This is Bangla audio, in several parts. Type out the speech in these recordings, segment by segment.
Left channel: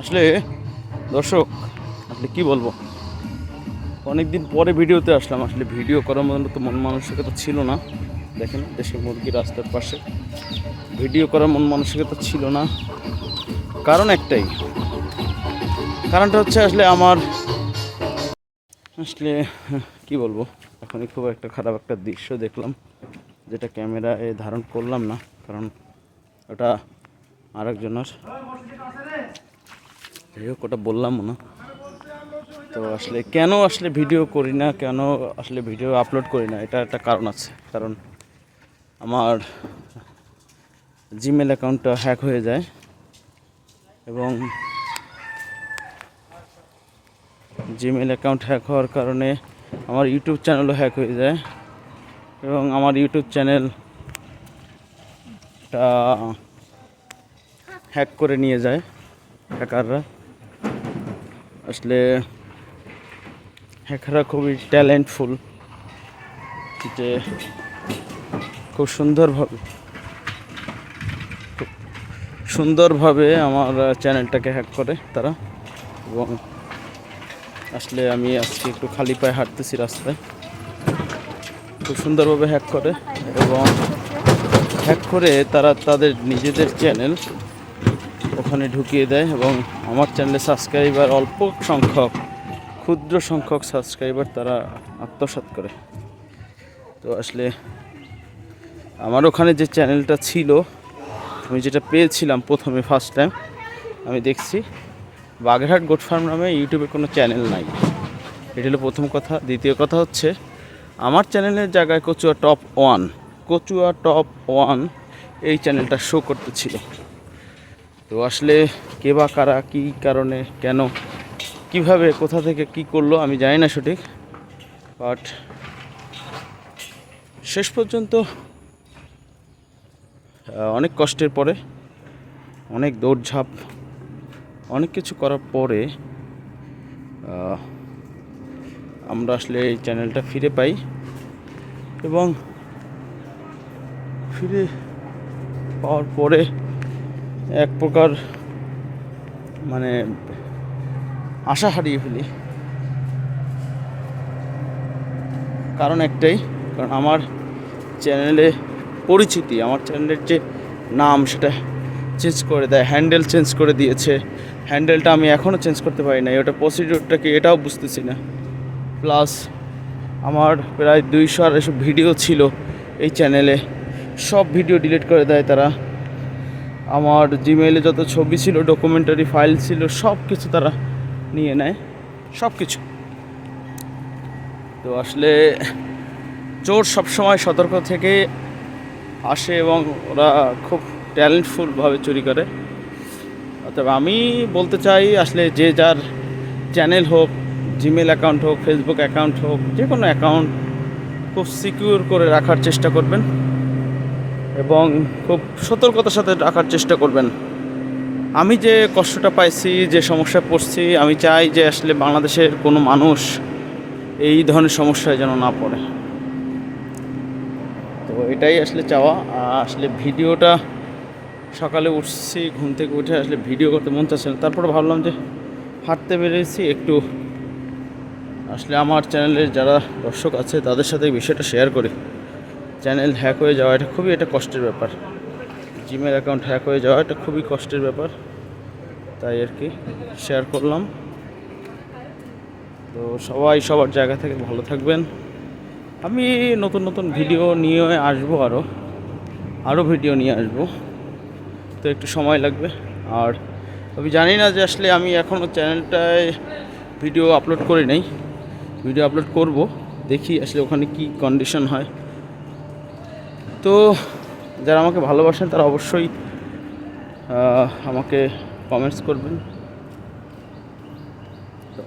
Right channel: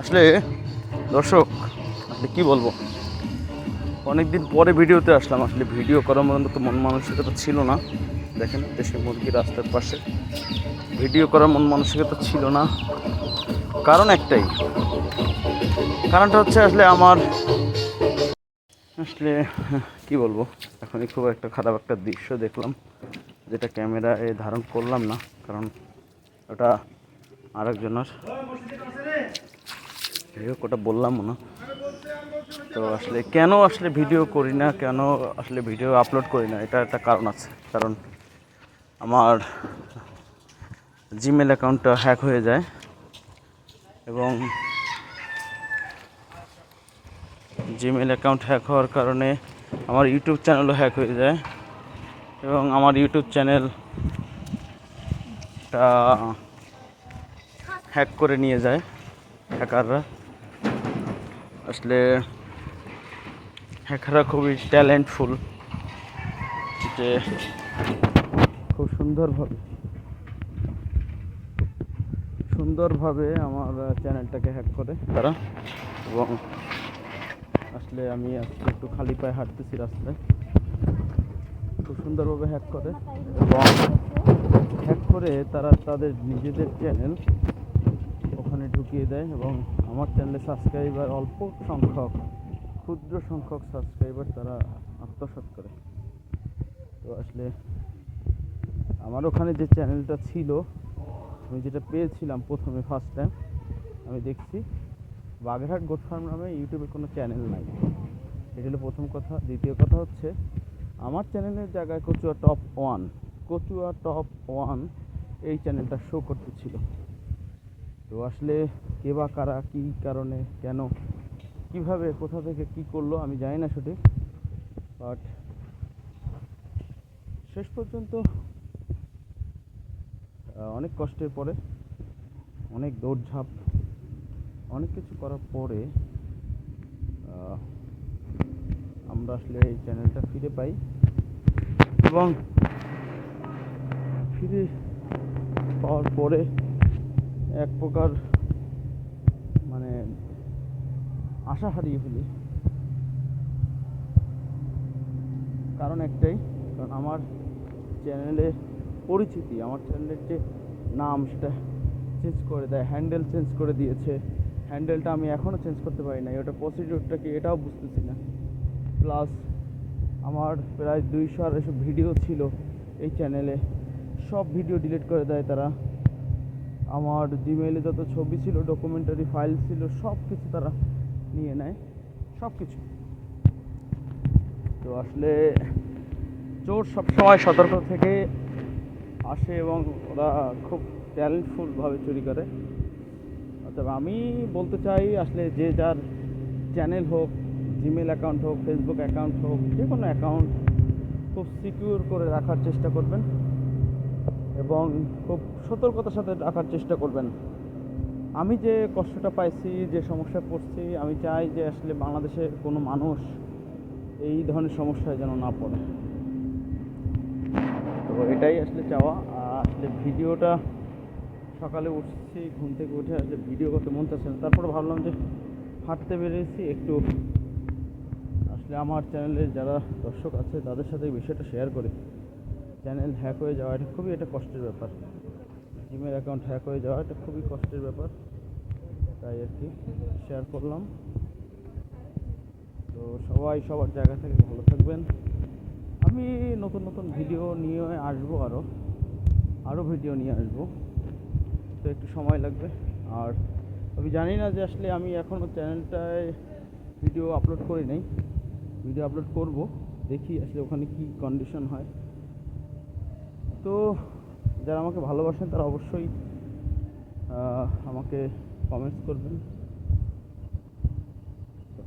আসলে, দর্শক, আসলে কি বলব? অনেকদিন পরে ভিডিওতে আসলাম। আসলে ভিডিও করার মতো তো মন মানসিকতা ছিল না। দেখেন, দেশের মুরগি রাস্তার পাশে। ভিডিও করার মন মানসিকতা ছিল না। কারণ একটাই। কারণটা হচ্ছে, আসলে আমার, আসলে, কি বলব? এখনই খুব একটা খারাপ একটা দৃশ্য দেখলাম, যেটা ক্যামেরায় ধারণ করলাম না। কারণ ওটা আরেকজনের কোটা বললাম না। তো আসলে কেন আসলে ভিডিও করি না, কেন আসলে ভিডিও আপলোড করি না, এটা একটা কারণ আছে। কারণ আমার জিমেল অ্যাকাউন্টটা হ্যাক হয়ে যায় এবং জিমেল অ্যাকাউন্ট হ্যাক হওয়ার কারণে আমার ইউটিউব চ্যানেলও হ্যাক হয়ে যায় এবং আমার ইউটিউব চ্যানেলটা হ্যাক করে নিয়ে যায় হ্যাকাররা আসলে হ্যাকাররা খুবই ট্যালেন্টফুল যে খুব সুন্দরভাবে সুন্দরভাবে আমার চ্যানেলটাকে হ্যাক করে তারা। এবং আসলে আমি আজকে একটু খালি পায়ে হাঁটতেছি রাস্তায়। খুব সুন্দরভাবে হ্যাক করে এবং হ্যাক করে তারা তাদের নিজেদের চ্যানেল ওখানে ঢুকিয়ে দেয় এবং আমার চ্যানেলে সাবস্ক্রাইবার অল্প সংখ্যক, ক্ষুদ্র সংখ্যক সাবস্ক্রাইবার তারা আত্মসাৎ করে। তো আসলে আমার ওখানে যে চ্যানেলটা ছিল, আমি যেটা পেয়েছিলাম প্রথমে ফার্স্ট টাইম আমি দেখছি বাগেরহাট গোট ফার্ম নামে ইউটিউবে কোনো চ্যানেল নাই। এটা হলো প্রথম কথা। দ্বিতীয় কথা হচ্ছে, আমার চ্যানেলের জায়গায় Kachua top one Kachua top one এই চ্যানেলটা শো করতেছিল। তো আসলে কে বা কারা, কী কারণে, কেন, কীভাবে, কোথা থেকে কি করল আমি জানি না সঠিক বাট শেষ পর্যন্ত অনেক কষ্টের পরে, অনেক দৌড়ঝাঁপ, অনেক কিছু করার পরে আমরা আসলে এই চ্যানেলটা ফিরে পাই এবং ফিরে পাওয়ার পরে এক প্রকার মানে আশা হারিয়ে ফেলি। কারণ একটাই, কারণ আমার চ্যানেলে পরিচিতি, আমার চ্যানেলের যে নাম সেটা চেঞ্জ করে দেয় হ্যান্ডেল চেঞ্জ করে দিয়েছে। হ্যান্ডেলটা আমি এখনও চেঞ্জ করতে পারি না ওটা প্রসিডিউরটা কি এটাও বুঝতেছি না। প্লাস আমার প্রায় দুইশো এসব ভিডিও ছিল এই চ্যানেলে সব ভিডিও ডিলিট করে দেয় তারা। আমার জিমেইলে যত ছবি ছিল ডকুমেন্টারি ফাইল ছিল, সব কিছু তারা নিয়ে নেয়। সব কিছু। তো আসলে চোর সবসময় সতর্ক থেকে আসে এবং ওরা খুব ট্যালেন্টফুলভাবে চুরি করে। অতএব আমি বলতে চাই, আসলে যে যার চ্যানেল হোক জিমেল অ্যাকাউন্ট হোক ফেসবুক অ্যাকাউন্ট হোক যে কোনো অ্যাকাউন্ট খুব সিকিউর করে রাখার চেষ্টা করবেন। এবং খুব সতর্কতার সাথে রাখার চেষ্টা করবেন। আমি যে কষ্টটা পাইছি, যে সমস্যায় পড়ছি, আমি চাই যে আসলে বাংলাদেশের কোনো মানুষ এই ধরনের সমস্যায় যেন না পড়ে। তো এটাই আসলে চাওয়া। আসলে ভিডিওটা সকালে উঠছি, ঘুম থেকে উঠে আসলে ভিডিও করতে মন চাচ্ছে তারপরে ভাবলাম যে হাঁটতে বেরিয়েছি, একটু আসলে আমার চ্যানেলের যারা দর্শক আছে, তাদের সাথে বিষয়টা শেয়ার করি। চ্যানেল হ্যাক হয়ে যাওয়া, এটা খুবই একটা কষ্টের ব্যাপার। জিমেল অ্যাকাউন্ট হ্যাক হয়ে যাওয়া, এটা খুবই কষ্টের ব্যাপার। তাই আর কি শেয়ার করলাম। তো সবাই সবার জায়গা থেকে ভালো থাকবেন। আমি নতুন নতুন ভিডিও নিয়ে আসব আরও আরও ভিডিও নিয়ে আসব। তো একটু সময় লাগবে। আর আমি জানি না যে আসলে আমি এখনও চ্যানেলটায় ভিডিও আপলোড করি নাই। ভিডিও আপলোড করব, দেখি আসলে ওখানে কি কন্ডিশন হয়। তো যারা আমাকে ভালোবাসেন তারা অবশ্যই আমাকে কমেন্টস করবেন। তো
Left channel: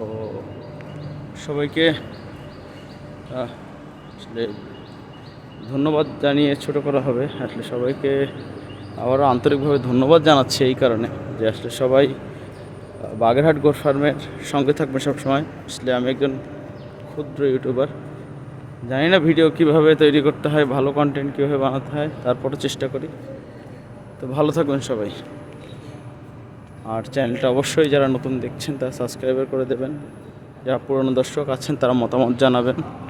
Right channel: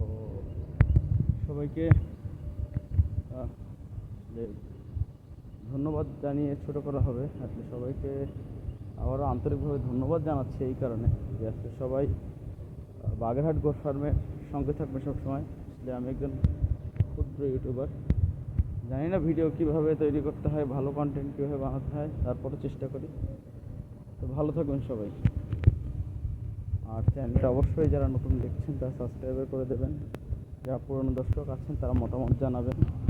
সবাইকে আসলে ধন্যবাদ জানিয়ে ছোট করা হবে। আসলে সবাইকে আবারও আন্তরিকভাবে ধন্যবাদ জানাচ্ছি এই কারণে যে আসলে সবাই বাগেরহাট গোট ফার্মের সঙ্গে থাকবে সবসময়। আসলে আমি একজন ক্ষুদ্র ইউটিউবার। জানি না ভিডিও কীভাবে তৈরি করতে হয়, ভালো কন্টেন্ট কীভাবে বানাতে হয় তারপরে চেষ্টা করি। তো ভালো থাকবেন সবাই। আর চ্যানেলটা অবশ্যই যারা নতুন দেখছেন, তারা সাবস্ক্রাইবার করে দেবেন। যারা পুরনো দর্শক আছেন, তারা মতামত জানাবেন।